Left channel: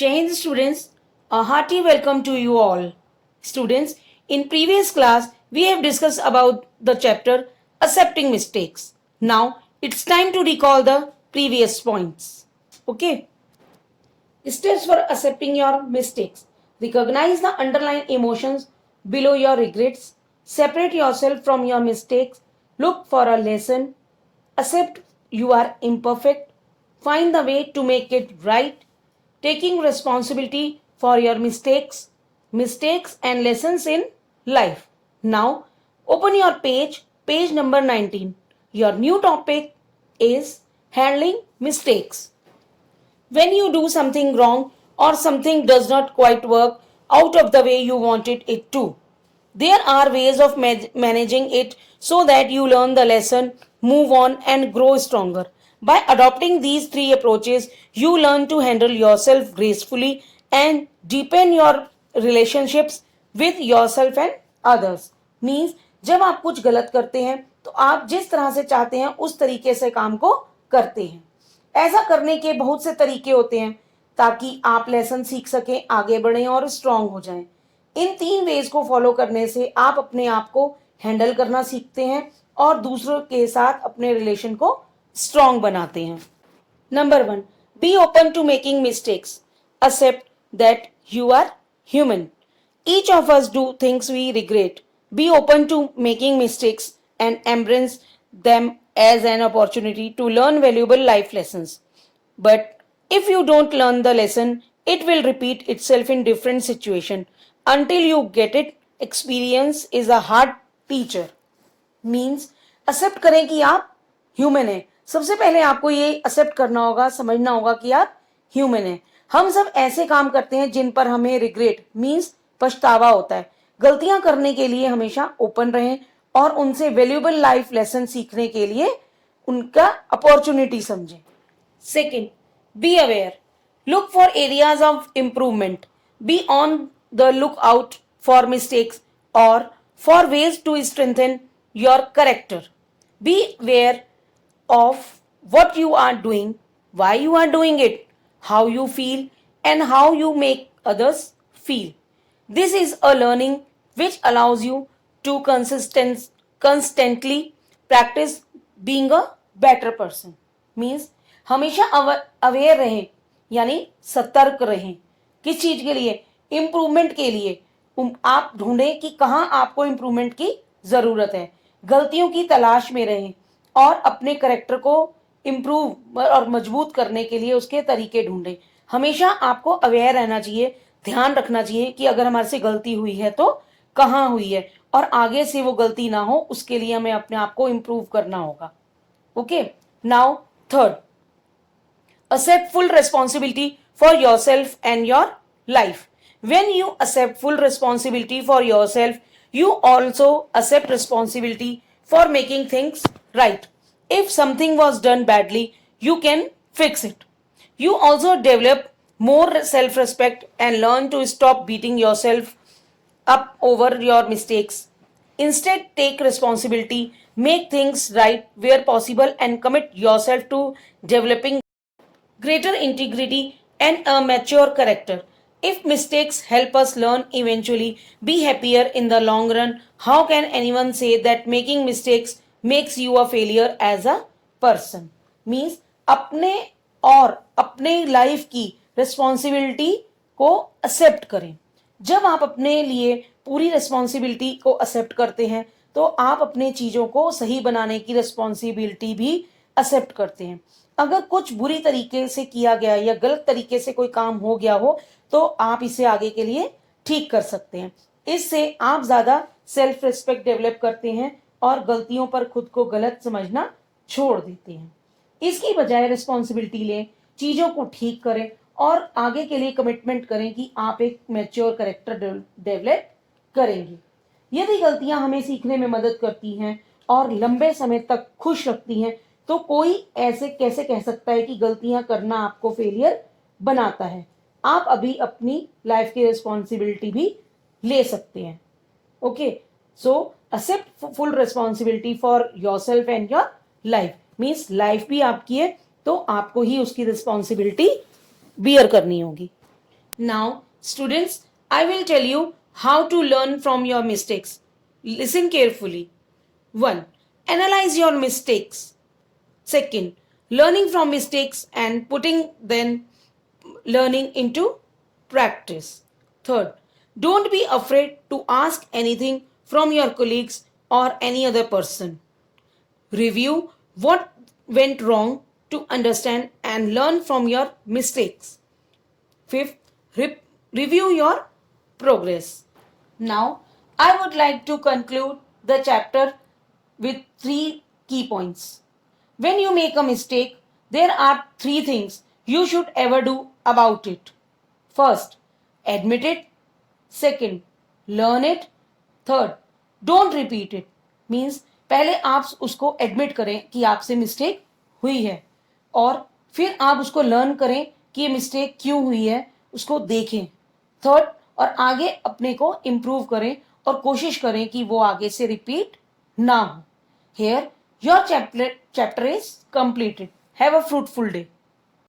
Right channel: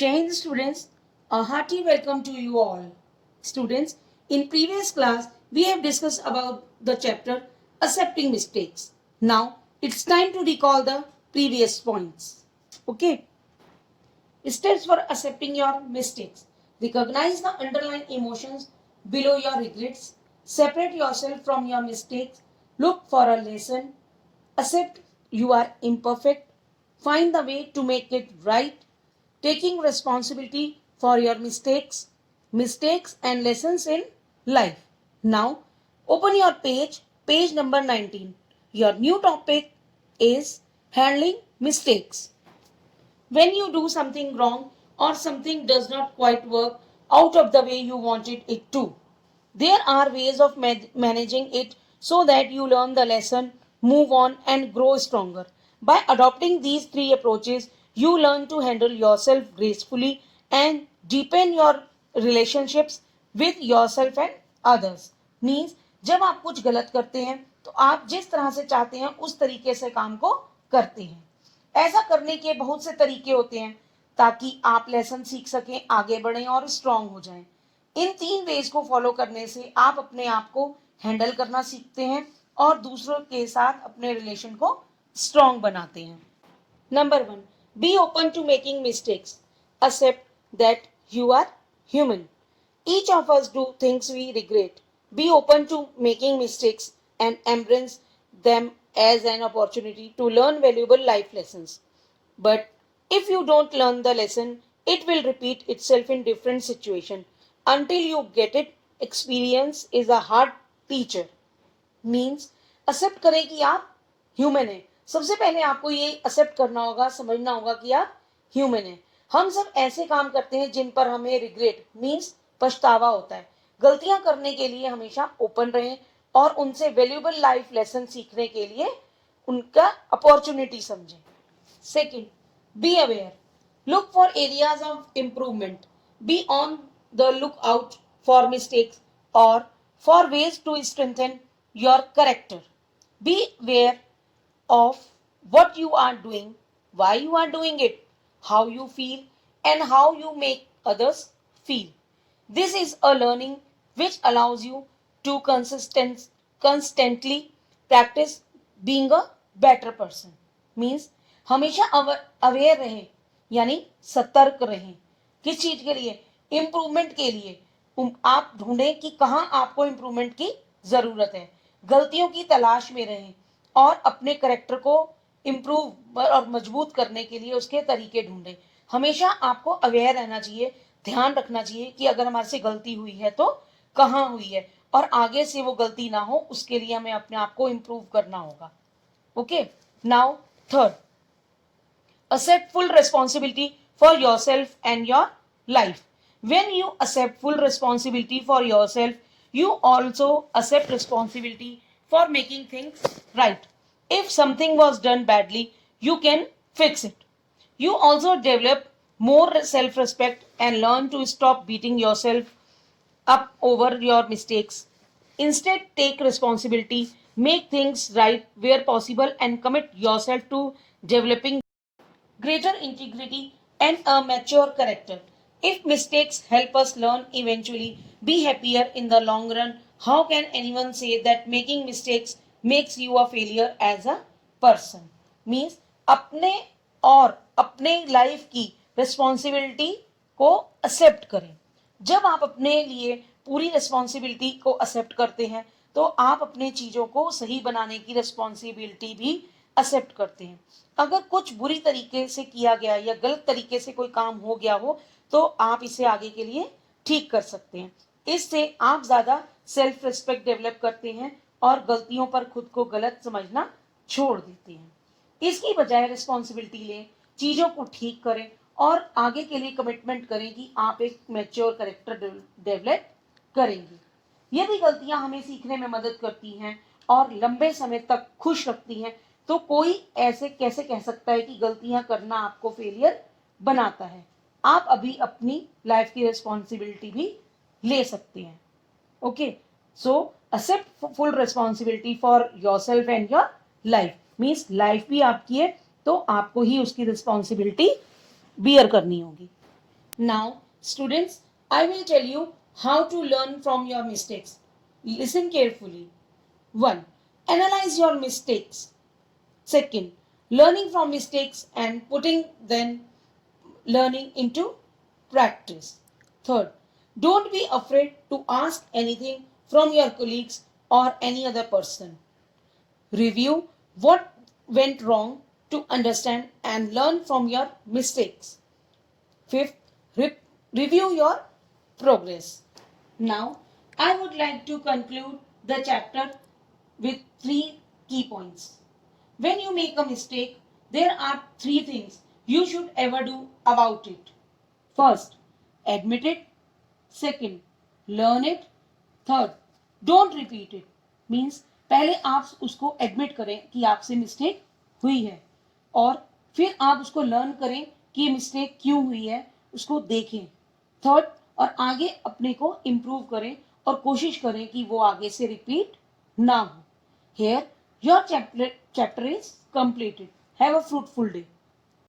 Jai Hind students, a hearty welcome to you all. Students, in previous class we have discussed about the chapter accepting mistakes. Now it's time to recall the previous points. Okay. Steps for accepting your mistakes. Recognize the underlying emotions below your regrets. Separate yourself from your mistakes. Look for a lesson. Accept you are imperfect. Find the way to make it right. Taking responsibility for your mistakes and lessons in life. Now, open your page number 19. Your new topic is handling mistakes. When you do something wrong or something does not quite work out of the way you wanted it to, there are ways of managing it so that you learn the lesson, move on, and grow stronger. By adopting these three approaches, you learn to handle yourself gracefully and deepen your relationships with yourself and others. Means जब आप कुछ गलत करते हैं तो आप जिस तरह से चाहते हैं उस तरीके से काम को करते हैं. ऐसा करने के बहुत से तरीके होते हैं ताकि आप लेसन सीख सकें, आगे बढ़ें और स्ट्रांग हो जाएं. इन तीन वेज को फॉलो करने से आप अपने आप को हैंडल करना सीखते हैं और दूसरों के साथ अपने रिलेशन को स्ट्रांग बनाते हैं. Number 1, be open to making mistakes. Accept that you are human. Each of us do things we regret. Be open to making mistakes and embrace them as an opportunity to learn valuable life lessons. But if you don't learn the lesson, it will repeat itself in different situation until you get it. Experience is a hard teacher. Means accept करें कि आप ह्यूमन हैं. सबसे पहले आपको ये एक्सेप्ट करना होगा, समझना होगा कि आप ह्यूमन हैं. हम सब ऐसे काम करते हैं जिन पर हमें रिग्रेट मीन्स पछतावा होता है. गलतियां करने के लिए हमेशा ओपन रहें और उनसे वैल्यूएबल लाइफ लेसन सीखने के लिए उनका अपॉर्चुनिटी समझें. Second, be aware. Look for areas of improvement. Be on the look out for mistakes और for ways to strengthen your character. Be aware of what you are doing, why you are doing it, how you feel, and how you make others feel. This is a learning which allows you to constantly practice being a better person. Means हमेशा अवेयर रहें यानी सतर्क रहें. किस चीज के लिए? इम्प्रूवमेंट के लिए. आप ढूंढें कि कहाँ आपको इम्प्रूवमेंट की जरूरत है. गलतियों की तलाश में रहें और अपने करेक्टर को इम्प्रूव और मजबूत करने के लिए उसके तरीके ढूंढें. हमेशा आपको अवेयर रहना चाहिए, ध्यान रखना चाहिए कि अगर हमारे से गलती हुई है तो कहाँ हुई है और आगे से वो गलती ना हो उसके लिए हमें अपने आप को इम्प्रूव करना होगा. Okay. Now third, accept full responsibility for yourself and your life. When you accept full responsibility for yourself, you also accept responsibility for making things right. If something was done badly, you can fix it. You also develop more self-respect and learn to stop beating yourself up over your mistakes. Instead, take responsibility, make things right where possible, and commit yourself to developing greater integrity and a mature character. If mistakes help us learn eventually, be happier in the long run, how can anyone say that making mistakes makes you a failure as a person? Means अपने और अपने लाइफ की रिस्पॉन्सिबिलिटी को एक्सेप्ट करें. जब आप अपने लिए पूरी रिस्पॉन्सिबिलिटी को एक्सेप्ट करते हैं तो आप अपने चीजों को सही बनाने की रिस्पॉन्सिबिलिटी भी एक्सेप्ट करते हैं. अगर कुछ बुरी तरीके से किया गया या गलत तरीके से कोई काम हो गया हो तो आप इसे आगे के लिए ठीक कर सकते हैं. इससे आप ज्यादा सेल्फ रिस्पेक्ट डेवलप करते हैं और गलतियों पर खुद को गलत समझना छोड़ देते हैं. इसकी बजाय रिस्पॉन्सिबिलिटी लें, चीजों को ठीक करें और आगे के लिए कमिटमेंट करें कि आप एक मैच्योर कैरेक्टर डेवलप करेंगे. यदि गलतियां हमें सीखने में मदद करती हैं और लंबे समय तक खुश रखती हैं तो कोई ऐसे कैसे कह सकता है कि गलतियां करना आपको फेलियर बनाता है. आप अभी अपनी लाइफ की रिस्पॉन्सिबिलिटी भी ले सकते हैं. Okay. So accept full responsibility for yourself and your life. Means life भी आपकी है तो आपको ही उसकी रिस्पॉन्सिबिलिटी बियर करनी होगी. Now, students, I will tell you how to learn from your mistakes. Listen carefully. 1. Analyze your mistakes. Second, learning from mistakes and putting them learning into practice. Third, don't be afraid to ask anything from your colleagues or any other person. Review what went wrong to understand and learn from your mistakes. Fifth, review your progress. Now, I would like to conclude the chapter with 3 key points. When you make a mistake, there are 3 things you should ever do about it. First, admit it. Second, learn it. Third, don't repeat it. Means पहले आप उसको एडमिट करें कि आपसे मिस्टेक हुई है और फिर आप उसको लर्न करें कि ये मिस्टेक क्यों हुई है, उसको देखें. थर्ड, और आगे अपने को इम्प्रूव करें और कोशिश करें कि वो आगे से रिपीट ना हो. Here, your chapter is completed. Have a fruitful day.